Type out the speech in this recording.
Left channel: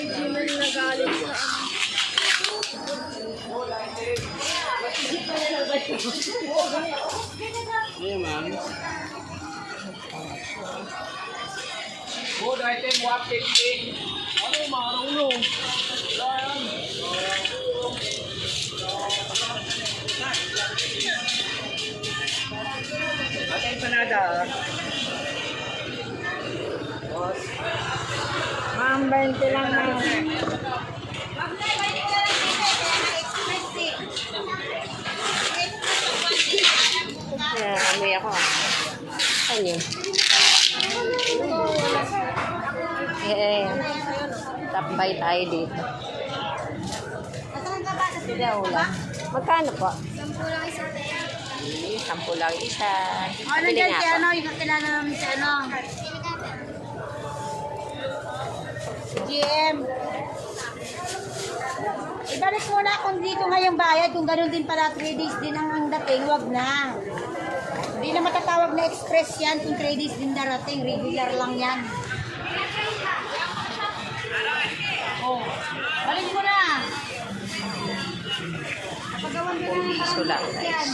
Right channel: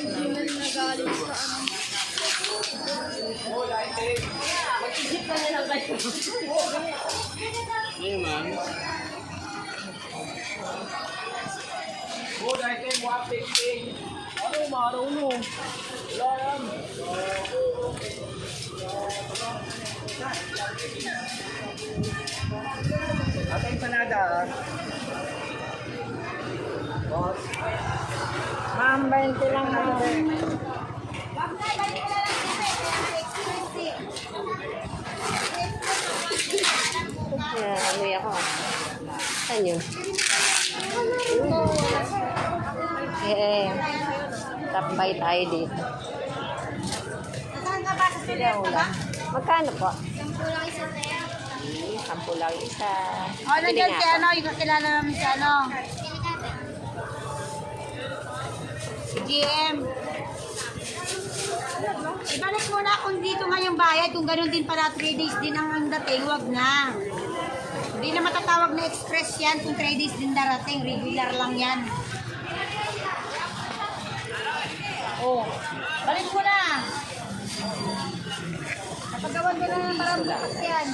Hindi man nagalit sa mag-isip ka na lang kayo. Yung man. Good item, 150. Ano, marunong. Ate empanada. Boss. Ma'am, 20 lang na yun. Amoy ako ah. Saan yun? Tambay tayo dito. Sila ulam. Magkano po? 10 lang isa. Pabili nga po. Yung kakilala namin sa ano. Si GM. Ibalik mo na kung dito nga yung bayad. Kung gano'n din pala 3 days din ang dating, wag na. Hindi na matatawag na express yan kung 3 days din darating. Regular lang yan. Oh, balik mo na. Kapagawan ka na ng Piso lang. yan.